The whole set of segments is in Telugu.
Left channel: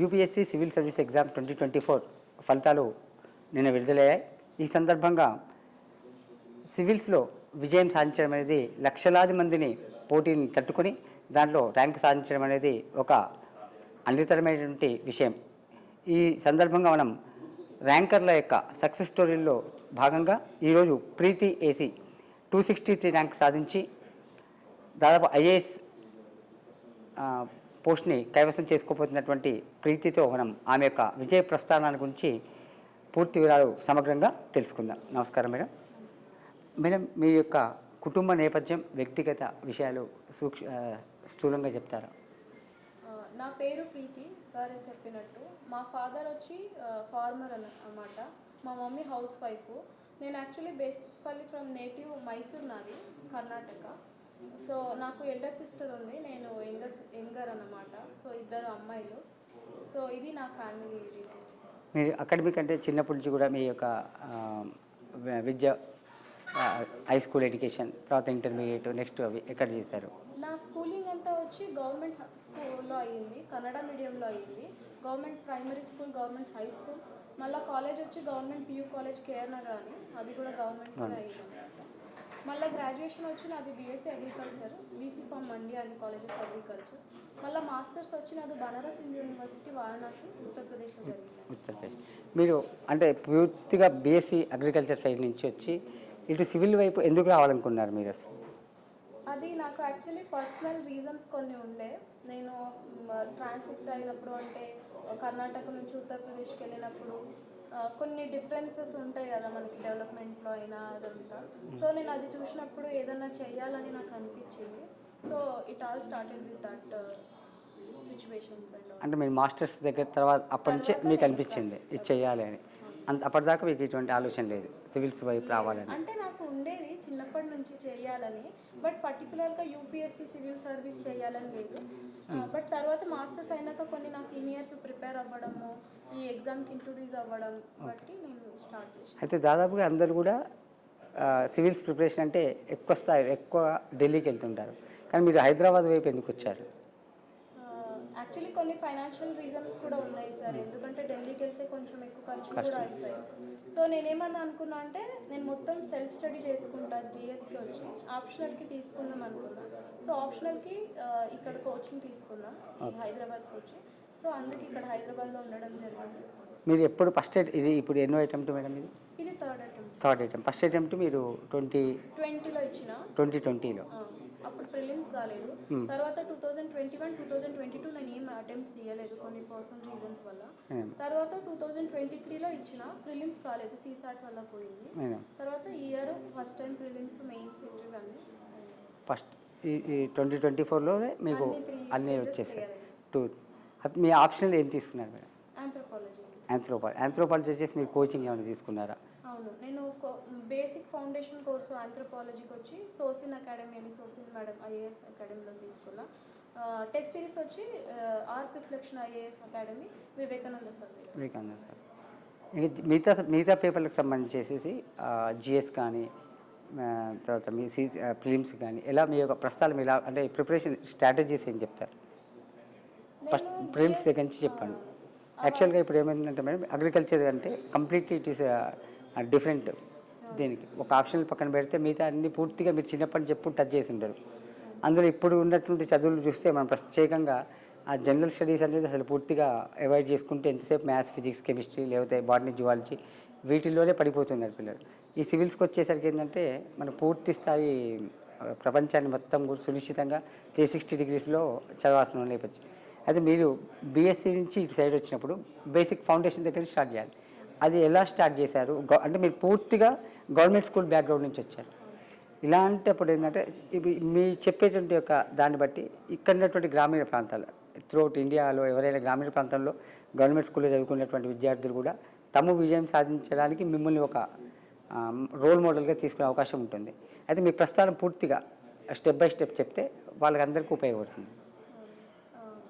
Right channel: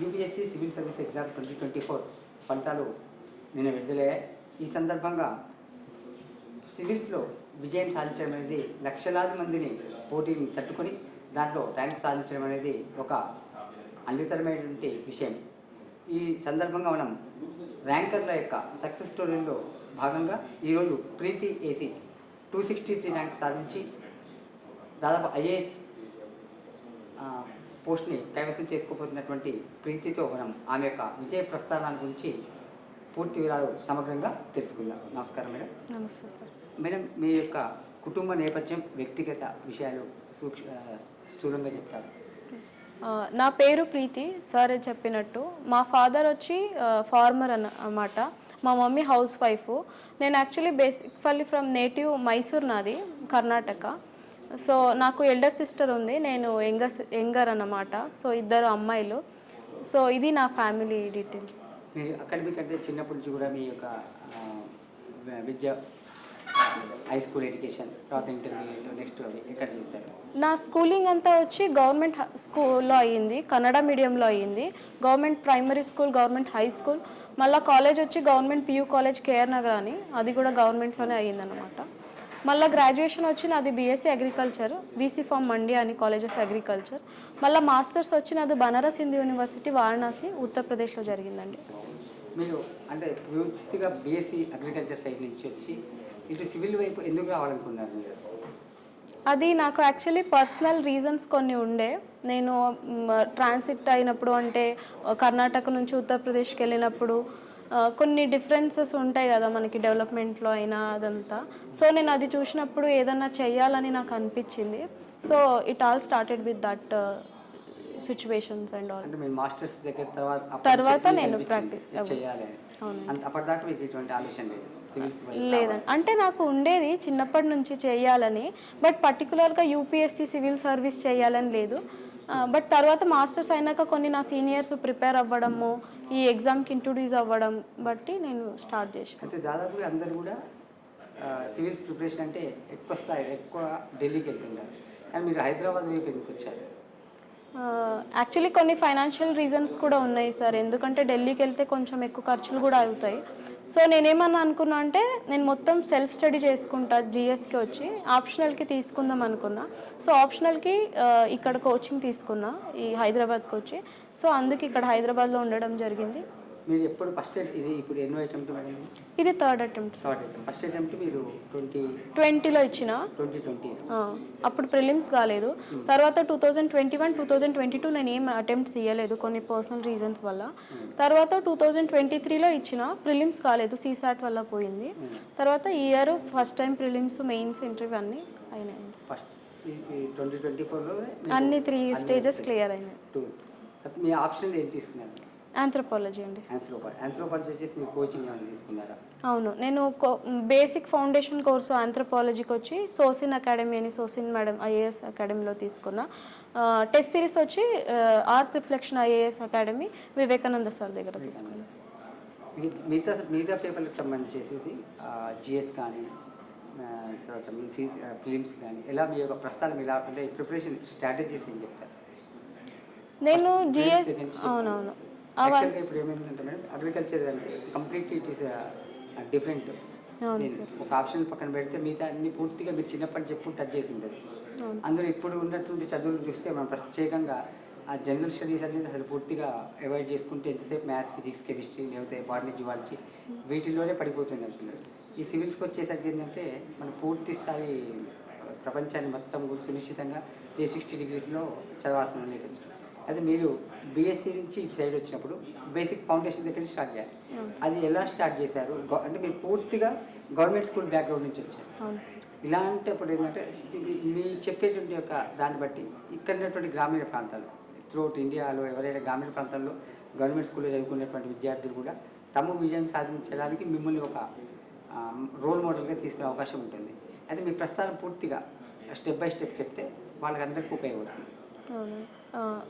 యూపీఎస్సీ సివిల్ సర్వీస్ ఎగ్జామ్ 2024 ఫలితాలు నిన్న విడుదలయ్యాయి. ఈ సందర్భంగా సివిల్స్లో విజయం సాధించడం అనేది లక్షలాది మందిని పోటీని తట్టుకొని దాంట్లో ర్యాంక్ సాధించడం అనేది ఒక అనితరమైనటువంటి విషయం. ఈ సందర్భంగా మనం ర్యాంకర్ల యొక్క సక్సెస్ స్టోరీల్లో భాగంగా ఈరోజు ప్రీతి ఏసీ 263 ర్యాంక్ సాధించి దాదాపు ఐఏఎస్ పోస్ట్ని కైవసం చేసుకోబోతున్నటువంటి ప్రీతితో మనం ఆమె యొక్క విజయ ప్రస్థానాల గురించి పూర్తి వివరాలు సమగ్రంగా తెలుసుకుందాం. నమస్కారం మేడం. నమస్తే సార్. మేడం, మీ యొక్క కుటుంబ నేపథ్యం, వ్యక్తిగత విషయాలు స్థూలంగా చెప్తారు? నా పేరు ప్రీతి, సార్ చెప్పినట్టు. మా ఫాదర్ వచ్చి ఫార్మర్ అన్నమాట, మా మమ్మీ హౌస్ వైఫ్. నేను actually basically from native Mysore, నాది కర్ణాటక. సో నాకు ఎల్డర్ సిస్టర్ ఉంది, నేను యంగర్ అన్నమాట. సో ఇద్దరు అమ్మాయిలు. సో ఇది నా ఫ్యామిలీ డీటెయిల్స్. మీరు అకాడమిక్ అంటే చిన్నప్పటి నుంచి కూడా మీ యొక్క విద్య, హై స్కూల్ ఎడ్యుకేషన్, తర్వాత ఇంటర్మీడియట్, నెక్స్ట్ అవి ఎక్కడ చేశారు? నా స్కూలింగ్ అంతా వచ్చి గవర్నమెంట్ స్కూల్లో అయ్యింది, కన్నడ మీడియంలో అయ్యింది. Government primary school, government high school, మళ్ళీ కాలేజ్ వచ్చి government PU college KR Nagar అని, అది కూడా గవర్నమెంట్లోనే అయ్యిందనమాట. మళ్ళీ గ్రాడ్యుయేషన్ వచ్చి నాది BSc agriculture, BC farm Mandi అని కాలేజ్ ఆఫ్ అగ్రికల్చర్. మళ్ళీ మాస్టర్స్ వచ్చి నాది బనారస్ హిందూ యూనివర్సిటీ వారణాసి, ఉత్తరప్రదేశ్లో జరిగిందండి. మీరు అంటే పూర్తిగా బీఎస్సీ అగ్రికల్చర్ సైడ్ నుంచి వచ్చి ఇటు సివిల్ వైపు ఎందుకు రావాలనుకున్నారు మీరు? అది నాకు యాక్చువల్లీ పర్సనల్ రీజన్స్ కొన్ని ఉండే. నేను ట్రాన్సిట్ అయినప్పుడు, అంటే కర్ణాటక నుంచి ఉత్తరప్రదేశ్కి వెళ్ళినప్పుడు కొన్ని డిఫరెన్సెస్ ఉంటాయి కదా మనకి డెవలప్మెంట్లో అయినా అదంతా. సో నేను అది చూసినప్పుడు ఏదన్నా చెయ్యాలని నాకు అనిపించింది. So it all started with that situations and all. అంటే మీరు మాస్టర్స్ దగ్గర తర్వాత నేను ప్రాక్టీస్ చేయాలి అని అప్పటిదాకా మీకు ఎటువంటి ఆలోచన లేదు సివిల్స్ వైపు? లేదండి, అంటే నాకు ఉండేది చిన్నప్పటి నుంచి చేయాలని, బట్ పర్టికులర్గా యూపీఎస్సీ సివిల్ సర్వీస్ చేయాలని లేదు. బట్ తర్వాత మాస్టర్స్ అయినాక కొన్ని నా సీనియర్స్ ప్రిపేర్ అవ్వడము, ఈ ఎగ్జామ్కి ఇంట్రొడ్యూస్ అవ్వడం బట్టి నేను స్టార్ట్ చేశాను. అయితే దాదాపుగా అందరు కూడా సివిల్స్ ప్రిపరేషన్ అంటే ఎక్కువ ఢిల్లీకి వెళ్తుంటారు, కానీ మీరు హైదరాబాద్ వైపు ఎందుకు వచ్చారు? యాక్చువల్లీ కొన్ని ఫైనాన్షియల్ రీజన్స్ కూడా ఉన్నాయి సార్. ఎందుకంటే ఢిల్లీకి వెళ్తే కొంచెం ఎక్కువ ఖర్చులు కూడా అవుతాయి. సో నేనేమన్నా అనుకున్నా అంటే నేను మొత్తం సెల్ఫ్ స్టడీ చేసుకుంటా, జిఎస్కి వచ్చి ఆప్షనల్కి తీసుకుందాం అనుకున్నా. సో ఆప్షనల్కి ఇక్కడ కోచింగ్ తీసుకున్నా ఈ హైదరాబాద్కి వచ్చి. సో అందుకే ఇక్కడ హైదరాబాద్లో ఉండడం జరిగింది. మీరు ఎప్పుడు ఫస్ట్ ఇది ఇప్పుడు ఎన్నో అటెంప్ట్ మేడం? ఇది థర్డ్ అటెంప్ట్. ఫస్ట్ అటెంప్ట్ మీరు 2020లో ఇచ్చిన. 2020లో అప్పుడు ప్రిలిమ్స్ కాలేదు. తర్వాత 2021, 2022 నేను ఏం అటెంప్ట్స్ ఇవ్వలేదు కొన్ని పర్సనల్ రీజన్స్ వల్ల. తర్వాత 2023లో ఇచ్చిన, ప్రిలిమ్స్ కాలేదు, సీసాట్ వల్ల పోయింది. తర్వాత ఈ year first time prelims, mains, interview అన్నీ అయినాయి. ఫస్ట్ 2024లో అన్ని 3 స్టేజెస్ క్లియర్ అయినాయి. మీ ఆప్షనల్ ఏం తీసుకున్నారు? ఆంథ్రోపాలజీ అండి. ఆంథ్రోపాలజీ వచ్చేసి మీరు కోచింగ్ ఏమైనా తీసుకున్నారా? అవును, నేను బేసిక్ ఫౌండేషన్ కోర్సు ఆంథ్రోపాలజీకి వచ్చి సోసిన్ అకాడమీ అని, సోసిన్ మేడం ఐఏఎస్ అకాడమీలో తీసుకున్నా. టెస్ట్ సిరీస్ వచ్చి art reflection IAS academy, Vivekananda sir దగ్గర. మిగతా పేపర్లకు సంబంధించేసి జిఎస్ కానీ తర్వాత మీ ప్రిలిమ్స్ కానీ ఎలా మీ యొక్క ప్రస్తావన ఎలా అంటే ప్రిపరేషన్ స్ట్రాటజీస్ ఏం చెప్తారు? నేను జిఎస్ అవునవును యాక్చువల్గా ఇప్పుడు ఏమైందంటే మేడం, అగ్రికల్చర్ అంటే కంప్లీట్లీ ఇట్ ఈస్ డిఫరెంట్. ఒక ఆప్షన్ పక్కన పెడితే మిగతా అన్ని పూర్తిగా మీరు చిన్నప్పటి చెప్పు టచ్ చేసి ఉంటారు. అందులో ఇప్పుడు ఉన్నటువంటి చదువులు చూస్తే మనం ప్రత్యేకంగా ఆ జనరల్ స్టడీస్ అనేది అసలు పూర్తిగా అవాయిడ్ చేసుకుంటే ఎంతసేపు మ్యాథ్స్, ఫిజిక్స్, కెమిస్ట్రీ, లేకపోతే బాటనీ, జువాలజీ వీటిల్లోనే పడిపోతున్నారు పిల్లలు. ఈ సివిల్స్కి వచ్చేసరికి ఏంటంటే మన పూర్తి స్థాయి ప్రపంచాన్ని మొత్తం సునిశ్చితంగా 360 డిగ్రీస్లో చదవాల్సిన నేపథ్యం. అయితే మీరు బీఎస్సీ నుంచి ఇటు సైడ్ వచ్చినప్పుడు బేసిక్ ఫౌండేషన్ దగ్గర స్టార్ట్ చేయాలి. అది ఎలా స్టార్ట్ చేశారు? అంటే మీరు పూర్తిగా గవర్నమెంట్ స్కూల్ బ్యాక్గ్రౌండ్ నుంచి వచ్చారు. ఇలాంటప్పుడు ఏంటంటే ఇవి మీ చెప్పేటువంటి యొక్క దాన్ని బట్టి ఇక్కడ ఉన్నటువంటి గ్రామీణ ప్రాంతాలు త్రూఅవుట్ ఇండియాలో ఎవరైనా గ్రామీణ ప్రాంతాల్లో గవర్నమెంట్ స్కూల్లో చదువుకునేటువంటి విద్యార్థులు కూడా తమ విజయం సాధించడానికి మిమ్మల్ని ఒక రోల్ మోడల్గా తీసుకునే అవకాశం ఉంటుంది. అయితే మీ ప్రస్థానం పూర్తిగా స్టెప్ బై స్టెప్ చెప్తే వాళ్ళకందరికీ ఉపయోగపడుతుంది.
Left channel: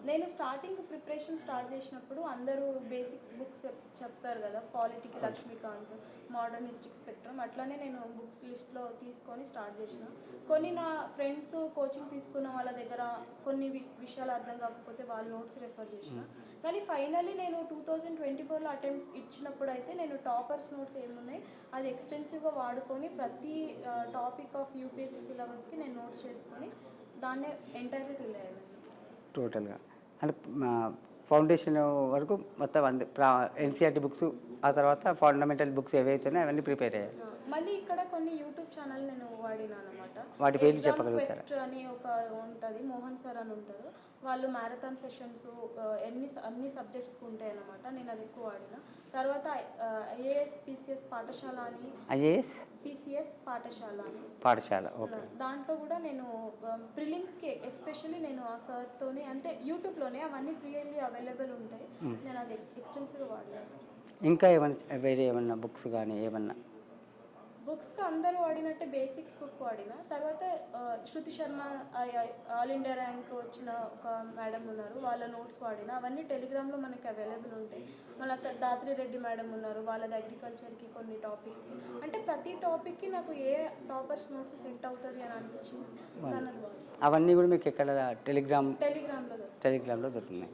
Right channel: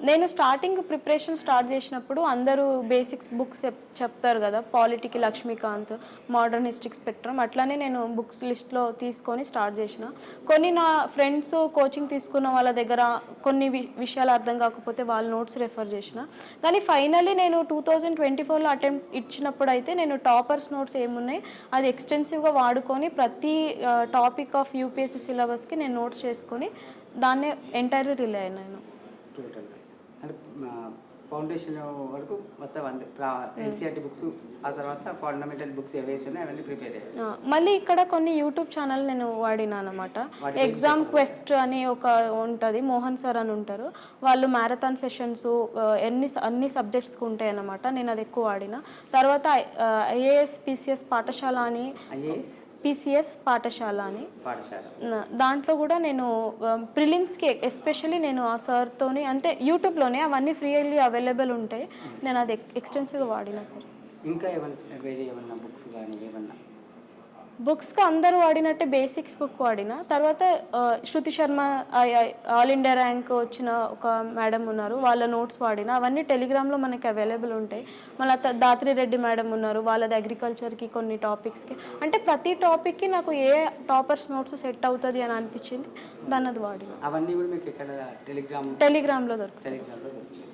నేను స్టార్టింగ్ ప్రిపరేషన్ స్టార్ట్ చేసినప్పుడు అందరూ బేసిక్స్ బుక్స్ చెప్తారు కదా, పాలిటీకి లక్ష్మీకాంత్, మోడర్న్ హిస్టరీ స్పెక్ట్రమ్, అట్లానే నేను బుక్స్ లిస్ట్లో తీసుకొని స్టార్ట్ చేసిన. కొన్ని నా ఫ్రెండ్స్ కోచింగ్ తీసుకున్న వాళ్ళ దగ్గర కొన్ని విషయాలు అర్థం కాకపోతే వాళ్ళ నోట్స్ రెఫర్ చేసిన. కానీ ఫైనల్లీ నేను 2024లో అటెంప్ట్ ఇచ్చినప్పుడు అయితే నేను టాపర్స్ నోట్స్ ఏమున్నాయి అది ఎక్స్టెన్సివ్గా వాడుకొని ప్రతి టాపిక్ ఆఫ్ యూపీఎస్సీ సిలబస్కి నేను నోట్స్ చేసుకొని దాన్నే ఎంటైర్లీ రిలే అయినాను టోటల్గా. అంటే ఫౌండేషన్ వరకు మొత్తం ఎన్సీఆర్టీ బుక్స్, ఆ తర్వాత ఫండమెంటల్ బుక్స్ ఏవైతున్నాయో అవన్నీ ప్రిపేర్ అయ్యాయి. మళ్ళీ ఇక్కడ కొన్ని యూట్యూబ్ ఛానల్ నేను వాడినా అనమాట. ఎగ్జామ్ క్వెస్ట్ అని ఒక ఉంటుంది, మోహన్ సార్ అని ఉంటారు, వాళ్ళు మ్యారథాన్ సెషన్స్ అన్ని సబ్జెక్ట్స్కి ఉంటాయి అన్నమాట. నేను అది ఎక్కువ వాడిన. తర్వాత ఐఏఎస్ పీసీఎస్ పాఠశాల అని, పీసీఎస్ పాఠశాల అని దాంట్లో కూడా నేను ప్రిలిమ్స్కి ఎస్పెషల్లీ నేను ఆ సార్తోని, అంటే యూట్యూబ్లోనే అవన్నీ ఫ్రీలీ అవైలబుల్ ఉంటాయి, నేను అది ఎక్స్టెన్సివ్గా వాడినా సార్. ఇంకా ఏమన్నా వేరే ఏమన్నా బుక్స్ కానీ ఏమన్నా? బుక్స్కి అందరూ వాడినట్టే బేసిక్స్ బుక్ వాడిన. తర్వాత శృతి శర్మ ఆల్ ఇండియా ర్యాంక్ వచ్చిన ఒక మేడం ఉన్నారు, వాళ్ళ నోట్స్ వాడిన. అవన్నీ టెలిగ్రామ్లో మనకి అవైలబుల్ ఉంటాయి. మళ్ళీ దాత్రి రెడ్డి మేడం ఉన్నారు, వాళ్ళది అగ్రికల్చర్కి కొన్ని టాపిక్స్కి. అంటే ప్రతి టాపిక్కి నాకు ఏ టాపర్స్ నోట్స్ సెట్ అవుతుంది అని అనిపించింది, దాన్ని అది వాడిన. అవన్నీ కూడా మీకు ఎక్కడ టెలిగ్రామ్లో దొరుకుతుంది.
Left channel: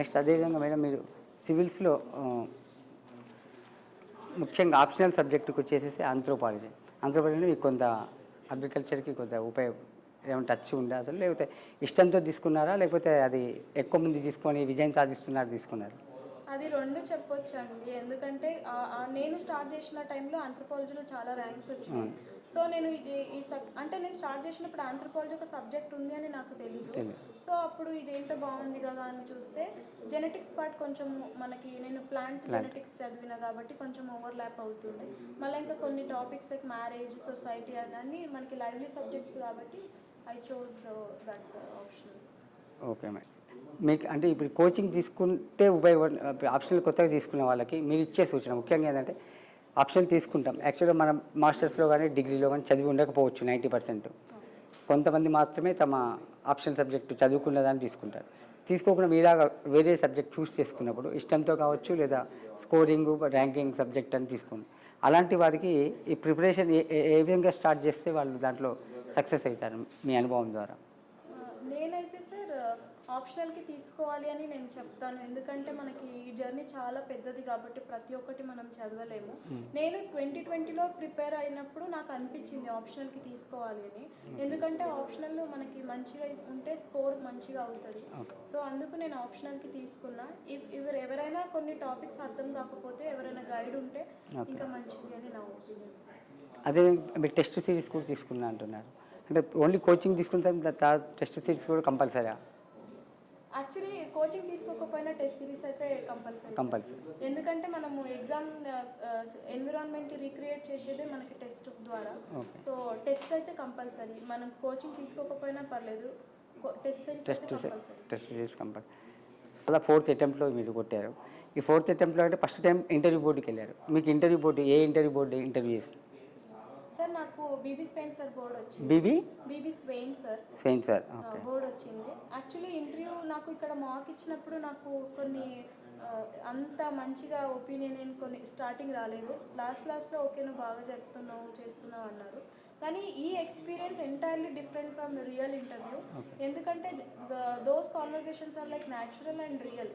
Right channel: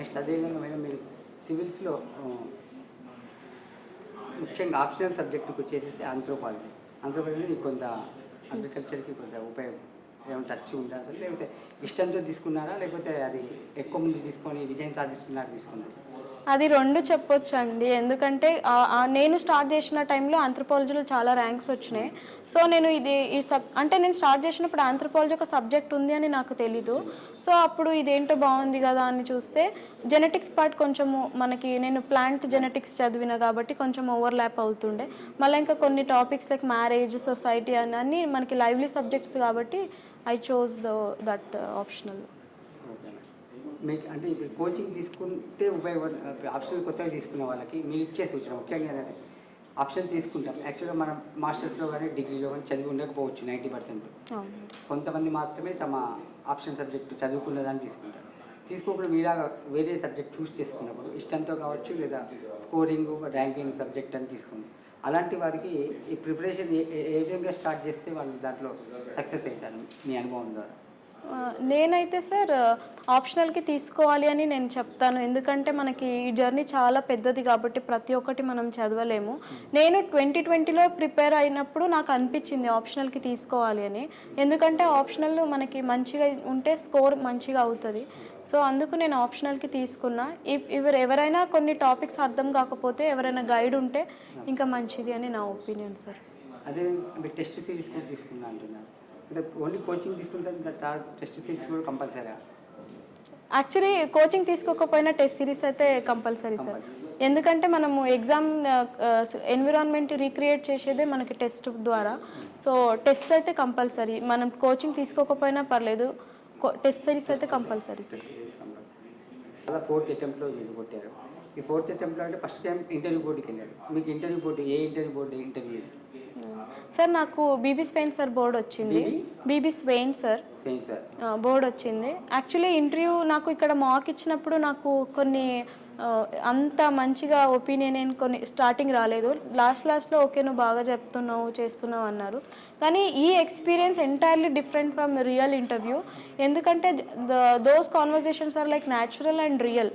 నెక్స్ట్ అదేవిధంగా మేడం మీరు సివిల్స్లో ముఖ్యంగా ఆప్షనల్ సబ్జెక్టుకి వచ్చేసేసి ఆంథ్రోపాలజీలో మీకు కొంత అగ్రికల్చర్కి కొంత ఉపయోగం ఏమైనా టచ్ ఉందా అసలు, లేకపోతే ఇష్టంతో తీసుకున్నారా, లేకపోతే అది ఎక్కువ మంది తీసుకొని విజయం తీసుకున్నారు? అది రెండు చెప్పొచ్చు అండి. ఎందుకంటే నేను స్టార్ట్ చేసిన టైంలో ఆంథ్రోపాలజీలో చాలా ర్యాంక్స్ వచ్చినాయి. సో నేను అంటే నేను స్టార్ట్ చేసినప్పుడు ఆంథ్రోపాలజీ ఒక సబ్జెక్ట్ ఉంది అని నాకు తెలీదు. సో అప్పుడు ఇదేంటో బాగుంది కదా అని చూస్తే జెనెటిక్స్ పార్ట్ కొంచెము మనకి, నేను ప్లాంట్ జెనెటిక్స్ చదివిన కాబట్టి కొంచెం ఓవర్లాప్ అవుతుండే. మళ్ళీ ఇంకా కొన్ని టాపిక్స్ లైక్ మ్యారేజ్, సొసైటీ అన్నీ మనకి లైవ్లీ సబ్జెక్ట్స్ కాబట్టి I chose that optional. Okay madam. మీకు అంటే ఇప్పుడు కోచింగ్ తీసుకుంటే ఆప్షనల్ కొత్తగా తీసుకునే వాళ్ళకి మీరు ఇచ్చే సూచన ముఖ్యంగా ఏంటంటే, ఆప్షనల్ తీసుకుంటాం యాక్చువల్గా మనం మాస్టర్స్లో కానీ డిగ్రీలో కానీ చదివి ఉండకపోవచ్చు 90%. కొంతమంది మాత్రమే తమ ఆప్షన్ సబ్జెక్టు చదువుకున్నదాన్ని తీసుకుంటారు. తీసుకోకుండా మీలాగా వేరే సబ్జెక్ట్ చూస్ చేసుకున్నప్పుడు ఇష్టంతో కావచ్చు, లేదా స్కోరింగ్ ర్యాంకింగ్ సబ్జెక్ట్ అని తీసుకోండి. అలాంటి వారికి ఈ ప్రిపరేషన్ ఏ విధంగా స్టార్ట్ చేస్తే వాళ్ళు దాంట్లో సక్సెస్ అవుతారు మీ అనుభవం ద్వారా? నేనైతే సార్ ఆప్షనల్కి తీసుకోవాలి అని నేను చెప్తాను. ఎందుకంటే మనకి ఈ జర్నీ చాలా పెద్దది కాబట్టి ప్రతి ఒక్కటి మనం చదవలేము. నేను 2020లో ప్రిపేర్ అయినప్పుడు నాకు అనిపించింది ఆప్షనల్కి తీసుకోవాలి అని. ఎందుకంటే ఆప్షనల్ మనకి మంచిగా ఉంటే స్కోర్ మంచిగా అవుతుంది. సో అందుకు నేను ఆప్షనల్కి తీసుకున్నా. ఎవరైనా కొన్ని టాపిక్స్ అర్థం కాకపోతే ఎవరైనా గైడ్ ఉంటే ఇంకా మంచిది అని నా ఒపీనియన్ సార్. అదే మీరు టెస్ట్ సిరీస్ కూడా తీసుకున్నా అంటున్నారు, అంటే ఓన్లీ కోచింగ్ తీసుకుంటే టెస్ట్ సిరీస్ కూడా కంపల్సరీ? యాక్చువల్లీ కోచింగ్ తీసుకోకపోయినా టెస్ట్ సిరీస్ అయితే కంపల్సరీ సార్. ఎందుకంటే మనము ఎగ్జామ్ ఎన్విరాన్మెంట్ రీక్రియేట్ చేసేదే మనకి టెస్ట్ ద్వారా. సో టెస్ట్ అయితే కంపల్సరీ, మనం కోచింగ్ తీసుకోకపోయినా పర్లేదు, టెస్ట్ సిరీస్ అయితే కంపల్సరీ. Test series compulsory. అలా 4th అటెంప్ట్లో మీరు కొట్టారు. ఈ 4th అటెంప్ట్లో అంటే ఫస్ట్ టైం ఇంటర్వ్యూ బోర్డుకి వెళ్ళారు. మీకు ఇంటర్వ్యూ బోర్డు ఏ ఇంటర్వ్యూ బోర్డు ఇంటర్వ్యూ చేసి? సార్ నాకు బీబీ స్వెయిన్ సార్ బోర్డు వచ్చింది. బీబీ స్వెయిన్ సార్ బోర్డు వచ్చింది. యాక్చువల్లీ ఇంటర్వ్యూ నాకు ఇక్కడ మాక్ ఇచ్చినప్పుడు నాకు కొన్ని అంత మంచిగా ఒపీనియన్ ఏం కొన్ని స్టార్టింగ్ రాలేదు. లాస్ట్లో ఓకే నువ్వు బాగా చెప్తున్నావు చేస్తున్నావు అన్నారు. కానీ ఈ experience entirely different from real interview. ఎందుకంటే those conversations are like natural and real.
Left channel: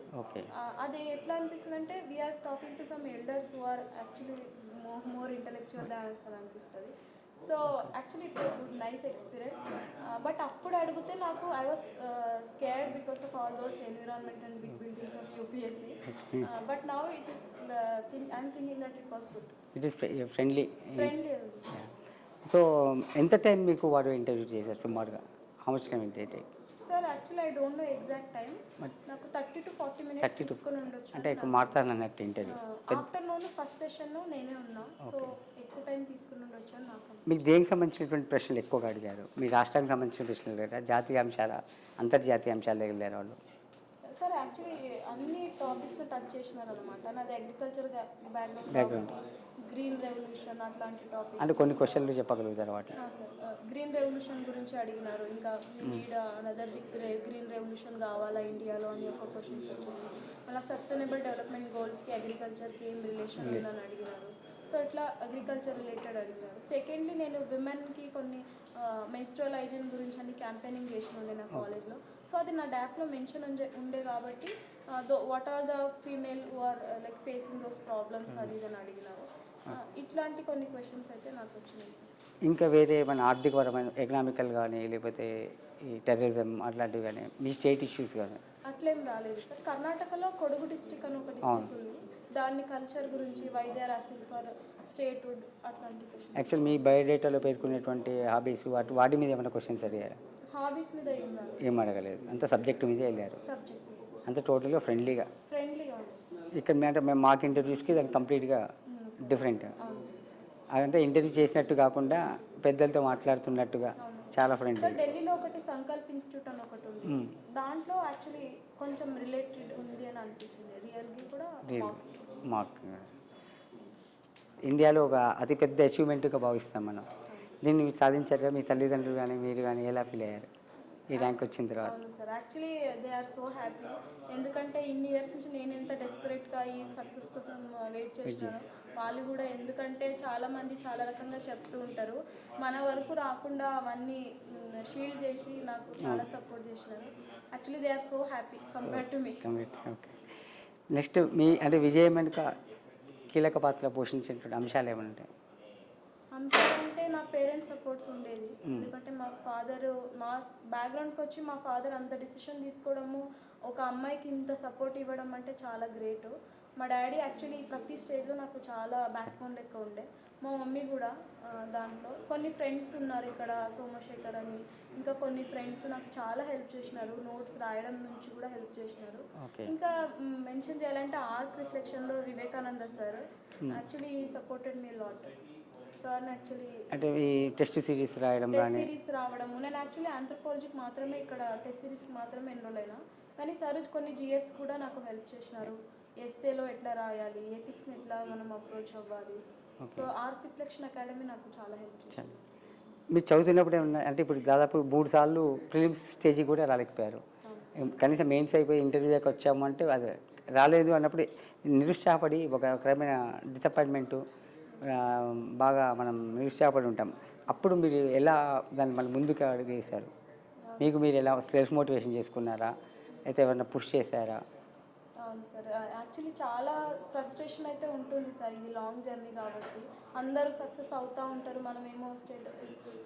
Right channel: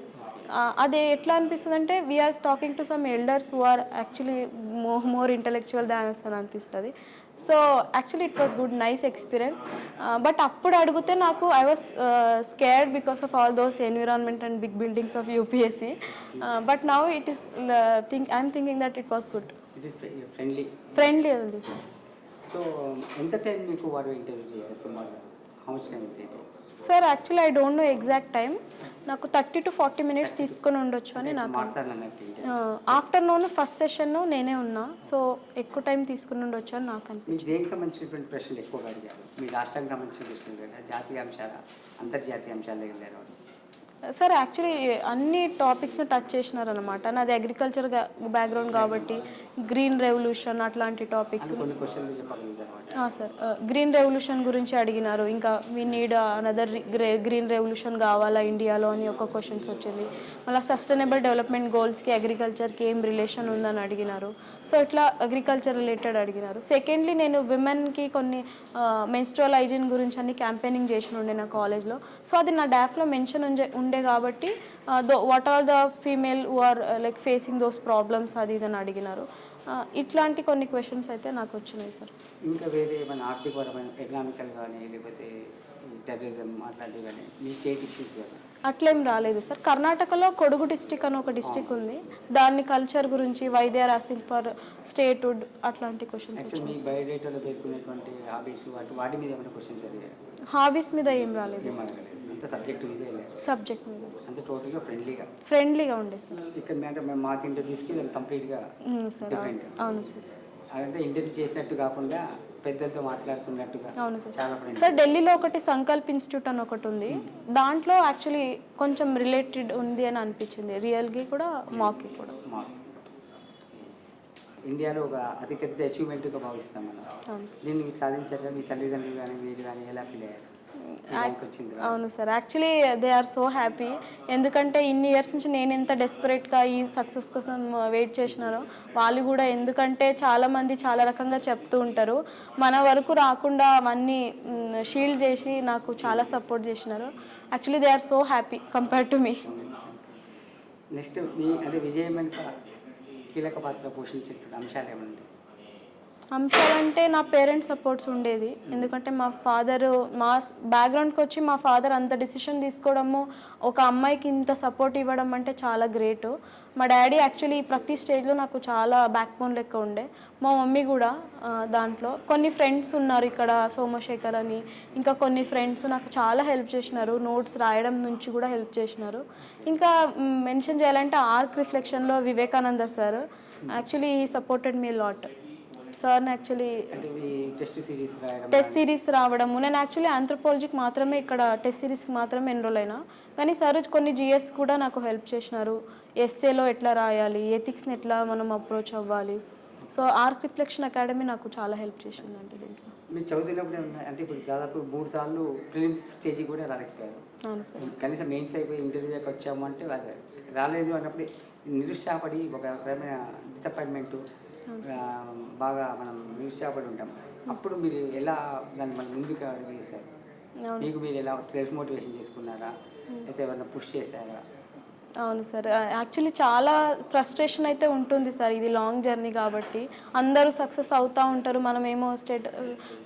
అది ఎట్లా అనిపిస్తుంది అంటే we're talking to some elders who are actually more intellectual than అని అనిపిస్తుంది. So actually it was good, nice experience. But అప్పుడు అడిగితే నాకు I was scared because of all those environment and big buildings of UPSC. But now it is I'm thinking that it was good. Friendly ఉంది. సో ఎంత టైం మీకు వాడు ఇంటర్వ్యూ చేశారు సుమారుగా? How much time interview? Sir actually I don't know exact time, నాకు 30 to 40 minutes తీసుకొని ఉండొచ్చు అని నాకు. ఆఫ్టర్నూన్ ఫస్ట్ సెషన్ నేనే ఉన్నా, సో ఎక్కువ టైం తీసుకుని ఉండొచ్చు అని నాకు అనిపించింది. మీకు దేనికి సంబంధించినటువంటి ప్రశ్నలు ఎక్కువగా అడిగారు? మీ రాష్ట్రానికి సంబంధించిన ప్రశ్నలు లేదా జాతీయ అంశాల అంతర్జాతీయ అంశాలు వెళ్ళారు వాళ్ళు? సార్ యాక్చువల్లీ అన్ని టాపిక్స్ని టచ్ చేసినారనమాట. నాది అగ్రికల్చర్ బ్యాక్గ్రౌండ్ కాబట్టి గ్రీన్ రెవల్యూషన్ అట్లాంటి టాపిక్స్. అంటే కొన్ని క్వశ్చన్లు చెప్పగలుగుతారు వాటి. సార్ గ్రీన్ రెవల్యూషన్ గురించి అడిగినారు. ఇంకా we need another green revolution కావాలా ఇండియాలో అని ఒక క్వశ్చన్స్ వచ్చింది. మళ్ళీ సస్టైనబుల్ డెవలప్మెంట్ గోల్స్కి అగ్రికల్చర్కి ఏం రిలేషన్ ఉందని అడిగినారు. సో ఇట్లా అగ్రికల్చర్ రిలేటెడ్ అడిగినారు. సెకండ్లీ నేను విమెన్కి కొన్ని మెన్స్ట్రువల్ హైజీన్ గురించి అన్ని క్యాంపెయినింగ్ చేసిన ఉండే నా కాలేజ్లో. సో అది నా డాఫ్లో మెన్షన్ ఉండే కాబట్టి what are the female who are like facing those problems అది ఇదని అడిగినారు. ఇట్లాంటి కొన్ని క్వశ్చన్స్ అయితే నాకు వచ్చినాయి సార్. ఇంకా వేరే ఏమైనా ఆర్థికపరమైన ఎకనామికల్ కానీ లేకపోతే ఈ టెర్రరిజం అట్లాంటివి కానీ మీ స్టేట్ ఇష్యూస్ కానీ అట్లేం రాలేదు సార్. కర్ణాటకలో కొడుగు డిస్టిక్ అని ఒక డిస్టిక్ ఉంది. దాని కల్చర్ గురించి why they are asking for statehood అట్లాంటి క్వశ్చన్స్. యాక్చువల్ మీ బయోడేటాలో పేర్కొనేటువంటి హాబీస్ వాటి మీద ఏమైనా క్వశ్చన్స్ అడిగారు? హాబీస్ మీద ఏం రాలేదు. ఏం అడగలేదు, అంత సబ్జెక్ట్ మీదే వెళ్ళారు. సబ్జెక్ట్ మీద అంత టోటల్గా ఫ్రెండ్లీగా ఉండే సార్. ఇక్కడ అంటే మేము మాకు ఇంటర్వ్యూస్కి దానికి కంప్లీట్గా డిఫరెంట్. అవును సార్. అదంటే ఇంటర్వ్యూ చేసినట్టు కాకుండా పెద్దలతో మాట్లాడుతున్నట్టుగా అవును సార్. చాలా ఫ్రెండ్స్. సార్ ఢిల్లీలో ఒకటి సంకల్ప్ ఇన్స్టిట్యూట్ అని ఒకటి ఉంది. దాంట్లో యాక్చువల్లీ కొంచెం రిలేటెడ్ ఉంది అని అనిపించింది. రియల్గా కూడా మాకి కూడా. ఇండియాలో ఒక అతిపెద్ద అచీవ్మెంట్గా భావిస్తాం మనం. దీన్ని మీరు సాధించారు. మీ తల్లిదండ్రులు కానీ మీరు కానీ ఎలా ఫీల్ అయ్యారు ఈ ర్యాంక్ వచ్చింది? అవును sir, actually they are so happy. ఎందుకంటే ఇన్ని ఇయర్స్ నుంచి నేను ఎంత డెస్పరేట్గా ఈ సక్సెస్ కోసం వెయిట్ చేసినానో వాళ్ళు కూడా. ఎందుకంటే చాలామంది చాలా రకంగా చెప్తూ ఉంటారు, మన వరకు రాకుండా అవన్నీ షీల్డ్ చేసి నాకు చాలా సపోర్ట్ చేసినారు. Actually they are so happy compare to me. Next మీ అంటే విజయం వెనుక కీలక పాత్ర పోషించేటువంటి అంశాలు ఏమంటాయి? అంశాలంటే నా పేరెంట్స్ సపోర్ట్స్ ఉండేది. ఎందుకంటే మా ఫాదరు మా బ్యాక్గ్రౌండ్కి వచ్చి మా ఫాదర్ అంత డిసిషన్ తీసుకోవడము, ఒక అమ్మాయికి ఇంత సపోర్ట్ ఇవ్వడం అంటే చాలా గ్రేట్. మా డాడీ యాక్చువల్లీ ప్రతి స్టేజ్లో నాకు చాలా బ్యాక్ బోన్ లెక్క ఉండే. మా మమ్మీ కూడా దాంట్లో. కొన్ని ఫ్రెండ్స్ ఉన్నారు ఇక్కడ, సోమశేఖర్ అని, ఇంకా కొన్ని ఫ్రెండ్స్ నాకు చాలా హెల్ప్ చేసినారు. నోట్స్ రాయడం నుంచి కూడా హెల్ప్ చేసినారు. ఇంకా మెన్షన్ చేయాలంటే ఆర్క్ రిఫ్లెక్షన్లో Vivekananda sir actually supported me lot. సార్ని యాక్చువల్లీ టెస్ట్ సిరీస్ రావడము, నేను యాక్చువల్లీ ఆంథ్రోపాలజీకి మాత్రమే ఇక్కడ టెస్ట్ సిరీస్కి మాత్రమే ఎన్రోల్ అయినా, కానీ సార్ కొన్ని జిఎస్ కూడా నాకు హెల్ప్ చేసినారు. ఎస్ఏలో ఎట్లా రాయాలి, ఎథిక్స్ని ఎట్లా మనం అప్రోచ్ అవ్వాలి. సో ఆర్క్ రిఫ్లెక్షన్ అకాడమీ నాకు చాలా హెల్ప్ చేసిందండి దీంట్లో. మీరు చదువుతున్నప్పుడు అంటే ఇప్పుడు దాదాపు 3 సార్లు ప్రిలిమ్స్ స్టేజ్కి కూడా రాలేకపోయారు. కనీసం మెయిన్స్ అయిపోయి ఇంటర్వ్యూ దాకా వచ్చాము అంటే అది రాలేదు అన్నప్పుడు నిరుత్సాహపడి ఒక రకమైన డిసప్పాయింట్మెంట్ బాగా మనం నిరుత్సాహపడి ఉంటాం. అప్పుడు మీరు ఎలా దాన్ని మళ్ళీ ముందుకు అడిగేశారు? మీకు మీరు ఎలా సెల్ఫ్ మోటివేషన్ చేసుకున్నారా, అయితే ఏమన్నా పుష్ చేశారా? అవును సార్, యాక్చువల్లీ చాలా ఫ్రస్ట్రేషన్ అయితే ఉంటుంది సార్. ఇది లాంగ్ జర్నీ కాబట్టి అందరూ సక్సెస్ అవుతూ ఉంటారు, మనమేమో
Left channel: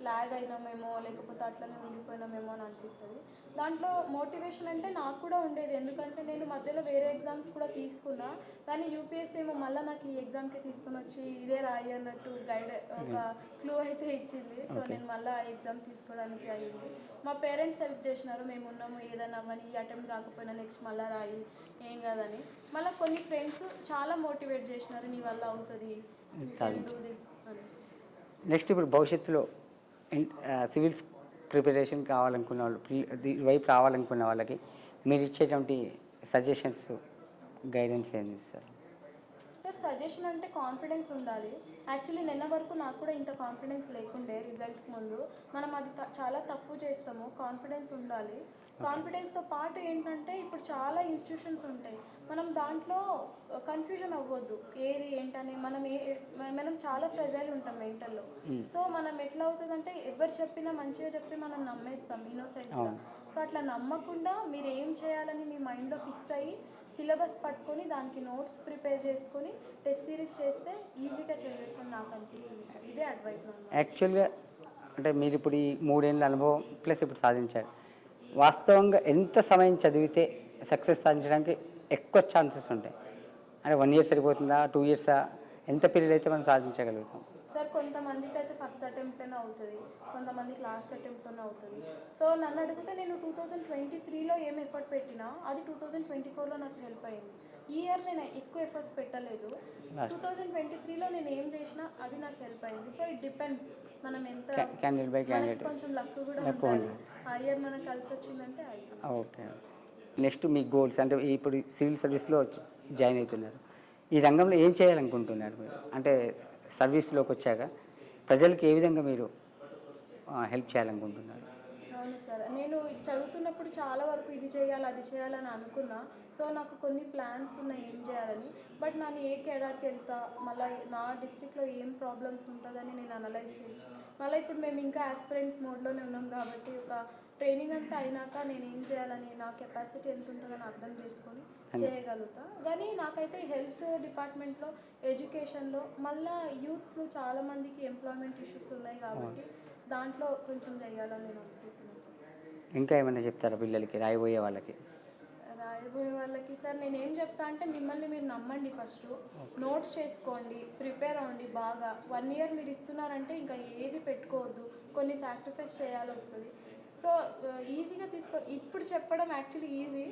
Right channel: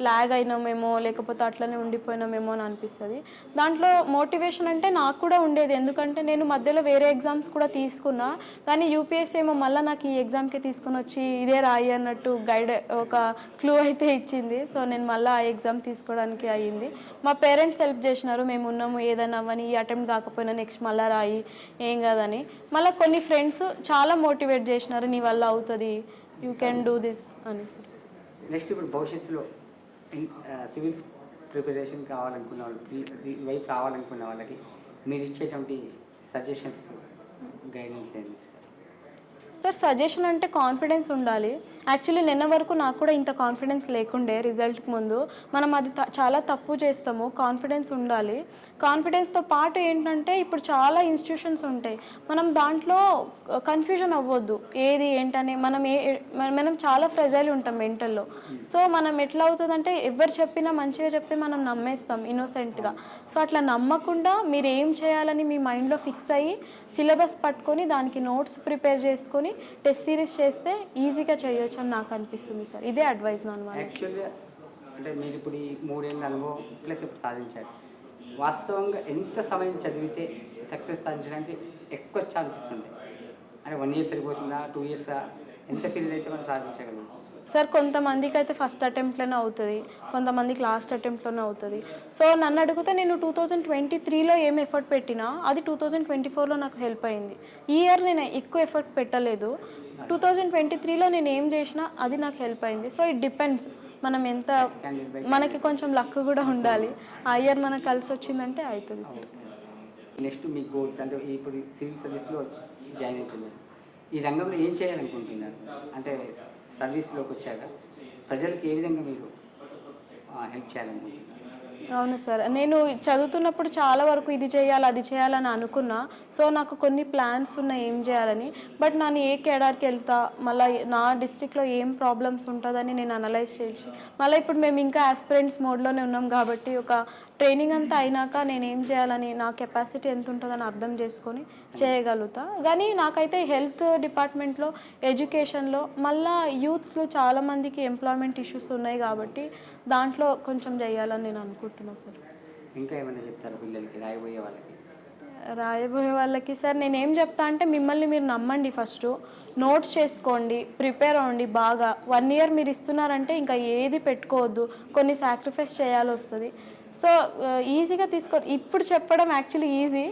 ల్యాగ్ అయినామేమో లేకపోతే అట్లనే ఉండిపోయినామేమో అని అనిపిస్తుంది. దాంట్లో మోటివేషన్ అంటే నాకు కూడా ఉండేది. ఎందుకంటే నేను మధ్యలో వేరే ఎగ్జామ్స్ కూడా తీసుకున్నా, కానీ యూపీఎస్సీ ఏమో మళ్ళీ నాకు ఈ ఎగ్జామ్కి తీసుకొని వచ్చి ఇదే రాయి అన్నట్టు గైడ్ ఒక క్లూ అయితే ఇచ్చింది. సో నేను మళ్ళీ ఆ ఎగ్జామ్ తీసుకోవడానికి అయ్యింది. మా పేరెంట్స్ హెల్ప్ చేసినారు, మేము ఉన్నాము ఏదైనా అవ్వని, ఈ అటెంప్ట్ కాకపోయినా నెక్స్ట్ మళ్ళీ రాయి ఏం కాదని. మళ్ళీ కొన్ని ఫ్రెండ్స్ చాలా మోటివేట్ చేసినారు, నీ వల్ల అవుతుంది, యూ కెన్ డూ దిస్ అని. నెక్స్ట్ ఇప్పుడు భవిష్యత్తులో సివిల్స్ ప్రిపరేషన్ కావాలనుకున్న వాళ్ళు, వైపు రావాలనుకున్న వాళ్ళకి మీరు ఇచ్చేటువంటి సజెషన్స్, గైడెన్స్ ఏమి ఇస్తారు? సార్ సజెషన్ అంటే కాన్ఫిడెన్స్ ఉండాలి. యాక్చువల్లీ నిన్న వరకు నాకు కూడా ఇంత కాన్ఫిడెన్స్ లేకుండే. రిజల్ట్కి ముందు మనం అది చాలా తప్పు చేస్తాము. కాన్ఫిడెన్స్ ఉండాలి. కాన్ఫిడెన్స్తో పాటు ఏంటంటే ఇప్పుడు చాలా ఇన్స్టిట్యూషన్స్ ఉంటాయి, మనం దాంట్లో కన్ఫ్యూజన్ అవ్వద్దు ఏది ఏంటని. మనం చాలా ఫ్రెజైల్ ఉంటాం మెంటల్లో. సో మనం ఎట్లా అవుతుందంటే ఎవరు చెప్పినా మంచిగా చెప్తే మనం నమ్మేస్తాం ఇన్నోసెంట్గా. సో అట్లా నమ్మకుండా మీరు ఏం చేయాలని మీ మైండ్లో ఫిక్స్ అయ్యి సిలబస్ పట్టుకొని దానికి నోట్స్ ప్రిపేర్ చేసుకొని టెస్ట్ సిరీస్ చేస్తే ఈజీగా చేయొచ్చు అని నాకు అనిపిస్తుంది సార్. ఇదే అడ్వైస్ నా. యాక్చువల్గా అంటే మీరు ఇప్పుడు ఈ 3 ఏళ్ళ అనుభవం ప్లస్ ఇప్పుడు సాధించారు. వాస్తవంగా ఎంత సమయం చదివితే సక్సెస్ సాధించడానికి ఎక్కువ ఛాన్సెస్ ఉంటాయి? అంటే 1 year సరిపోతుందా, 2 years? ఎంత పీరియడ్ అయితే మనం సాధించగలుగుతాం? సార్ కొంతమందికి అయితే ఫస్ట్ అటెంప్ట్లోనే అవుతుంది, కొంతమందికి లాస్ట్ అటెంప్ట్లోనే అవుతుంది. సో నన్ను అడిగితే నేను 2023లో ఏం ఎఫర్ట్ పెట్టినా అది 2024లో నాకు హెల్ప్ అయింది. ఈ ఇయర్ నేను ఎక్కువ ఎఫర్ట్ పెట్టలేదు, 2023లో నేను ఏం చేసినా అది నాకు హెల్ప్ అయింది. సో ఇట్ డిపెండ్స్, మనం ఎంత, మనకి కొంచెం లక్ కూడా ఉండాలి. ఆ ఇయర్ మనకు కలిసి వచ్చిందంటే అవుతుంది. నెక్స్ట్ మీ గోల్స్ అంటే ఇప్పుడు సివిల్ సర్వీస్లో జాయిన్ అవుతున్నారు, ఈ రంగంలో ఏం చేయాలనుకుంటున్నారు? అంటే సర్వీస్లోకి వచ్చాక ప్రజలకు ఏ విధంగా మీరు హెల్ప్ చేయాలనుకుంటున్నారు? అవును సార్, నేను చదువుతున్నప్పుడు చాలా వరకు ఇది చేయాలి అది చేయాలని అనుకున్నా. సో నాకు కొన్ని ప్లాన్స్ ఉన్నాయి ఏం చేయాలని. బట్ నేను ఏ కేడర్కి వెళ్తా, మళ్ళీ నా డిస్ట్రిక్ట్లో ఏం ప్రాబ్లమ్స్ ఉంటుందని నేను అనలైజ్ చేసి, మళ్ళీ ఇప్పుడు మేము ఇంకా ఆస్పిరెంట్స్ మోడ్లోనే ఉన్నాం కాబట్టి ఒక ట్రైనింగ్ అంతా అయినాక నేను ఏం చేయాలని, నా కెపాసిటీ ఎంత ఉంటుందని అర్థం చేసుకొని చేయగలుగుతా. కానీ నాకైతే హెల్త్ డిపార్ట్మెంట్లో, ఎడ్యుకేషన్లో, మళ్ళీ యూత్స్లో చాలామందికి ఎంప్లాయ్మెంట్ ఇష్యూస్ ఉన్నాయి కాబట్టి దాంట్లో కొంచెం చేయాలని నేను అనుకుంటున్నాను సార్. ఇంకా ఏమైనా చెప్తారా పిల్లలకి, రాయబోయే వాళ్ళకి? రాయబోయే వాళ్ళకి సార్ నేనేం చెప్తా అంటే, మిమ్మల్ని మీరు నమ్మండి, ఫస్ట్ నోట్స్ చేసుకోండి, ప్రిపేర్ అవ్వండి బాగా. 1 ఇయర్ మీరు ఇస్తున్నారంటే ఇంకా ఏది పెట్టుకోవద్దు, కొన్ని సాక్రిఫైస్ చేయాల్సి వస్తుంది. సో ఈజీగా తీసుకో, ఇప్పుడు చెప్పడం యాక్చువల్లీ ఈజీ,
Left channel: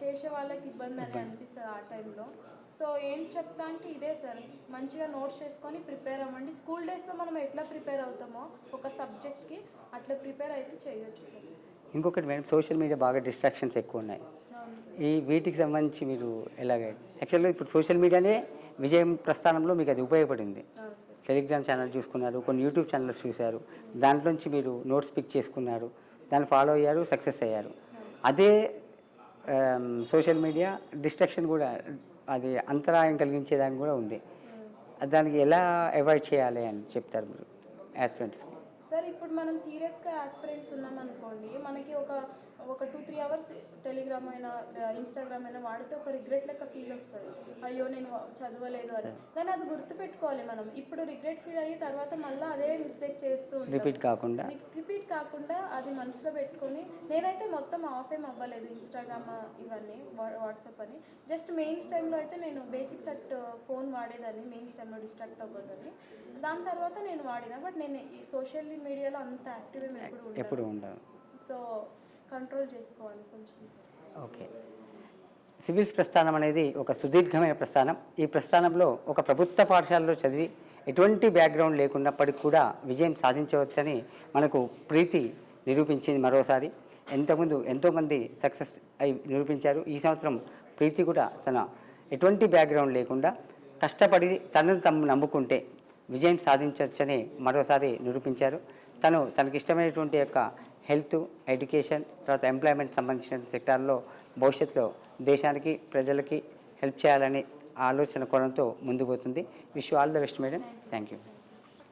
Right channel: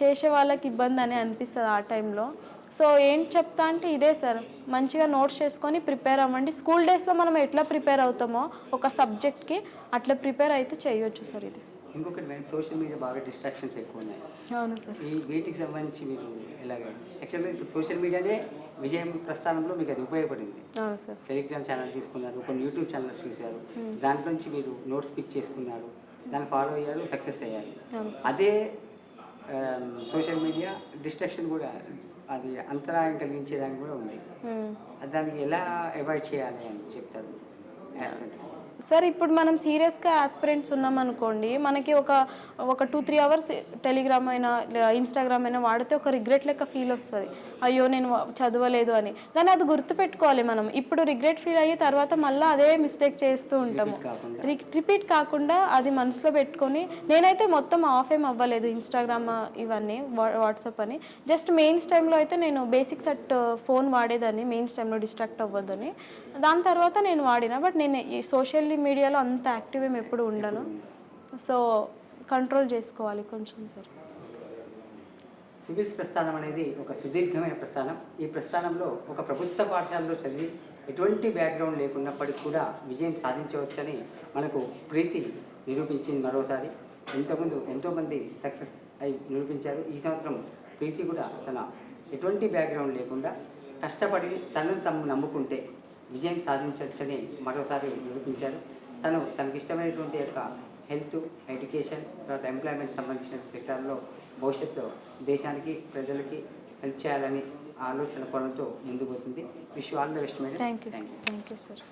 చేసే వాళ్ళకి ఇబ్బంది అని అనిపిస్తుంది ఆ టైంలో. సో ఏం చెప్తా అంటే ఇదే సార్, మంచిగా నోట్స్ చేసుకొని ప్రిపేర్ అవ్వండి. స్కూల్ డేస్లో మనం ఎట్లా ప్రిపేర్ అవుతామో ఒక సబ్జెక్ట్కి, అట్లా ప్రిపేర్ అయితే చేయొచ్చు సార్. ఇది ఇంకొకటి మేడం, సోషల్ మీడియా బాగా డిస్ట్రాక్షన్స్ ఎక్కువ ఉన్నాయి. అవును సార్. వీటికి సంబంధించి మీరు ఎలాగ? యాక్చువల్గా ఇప్పుడు సోషల్ మీడియానే విజయం ప్రస్థానంలో మీకు అది ఉపయోగపడింది. అవును సార్. టెలిగ్రామ్ ఛానల్ చూసుకున్నారు, కొన్ని యూట్యూబ్ ఛానల్స్ చూశారు, దాంట్లోంచి మీరు నోట్స్ పిక్ చేసుకున్నారు, దాన్ని ఫాలో అయ్యారు, సక్సెస్ అయ్యారు. అదే సోషల్ మీడియా డిస్ట్రాక్షన్ కూడా, అది అంతరాయం కలిగించేదానికి కూడా ఉంది. దానికి ఎలా అవాయిడ్ చేయాలి అని చెప్తారు మీరు ఆస్పిరెంట్స్? సార్ ఇప్పుడు మనం సీరియస్గా ఆస్పిరెంట్స్ ఉన్నామనుకోండి, మనకి ఒక 2-3 అవర్స్ టెలిగ్రామ్ అయినా ఇన్స్టాగ్రామ్ అయినా వాడితే ఒక రిగ్రెట్ లెక్క ఫీల్ వస్తుంది, అయ్యో నేను చదవలేదు అని. కానీ అది గుర్తుపెట్టుకోవాలి మనం. ఇప్పుడు రిగ్రెట్ ఫీల్ అయ్యి తర్వాత మళ్ళీ అదే మిస్టేక్ చేస్తూ ఉంటాము. రిపీట్ కాకుండా అది మనసులో పెట్టుకొని, నేనైతే మొత్తం ఆఫ్ ఏం అవ్వలేదు ఇన్స్టాగ్రామ్ ఇవన్నీ, వాట్సాప్ అని. జస్ట్ మెయిన్స్ టైంలో అయితే నేను బేసిక్స్ ఫోన్ వాడేదాన్ని, మెయిన్స్ టైంలో డిస్ట్రాక్ట్ అవ్వద్దని. దాని తర్వాత నేను వాడినా, బట్ నేను ఈ సోషల్ మీడియాలో అంత యాక్టివ్ ఏం ఎప్పుడు ఉండను. సో కంట్రోల్ చేసుకోవాలి కొంచెం సార్. ఓకే. సివిల్స్ ప్రస్థానం అనేది ఒక సుదీర్ఘమైన ప్రస్థానం. ఈ ప్రస్థానంలో ఒక ప్రభుత్వ పాఠశాలలో చదివి ఎటువంటి బ్యాక్గ్రౌండ్ లేకున్నప్పటికీ కూడా విజయం సాధించవచ్చని మనకు ప్రీతి నిరూపించింది మరోసారి. ఇంతకుముందు ఎంతోమంది సక్సెస్ అయి నిరూపించారు. ఈ సంవత్సరం ప్రీతి కూడా తన ఎటువంటి బ్యాక్గ్రౌండ్ లేకుండా కష్టపడి తనను తాము నమ్ముకుంటే విజయం సాధించవచ్చని మరోసారి నిరూపించారు. తనకిష్టమైనటువంటి యొక్క హెల్త్, ఎడ్యుకేషన్, తర్వాత ఎంప్లాయ్మెంట్ సంబంధించిన సెక్టార్లో భవిష్యత్తులో దేశానికి, ప్రజలకి హెల్ప్ చేయాలని ఆలోచన కోణంతో ముందుకు పోతుంది. Wish you all the best madam. Thank you sir.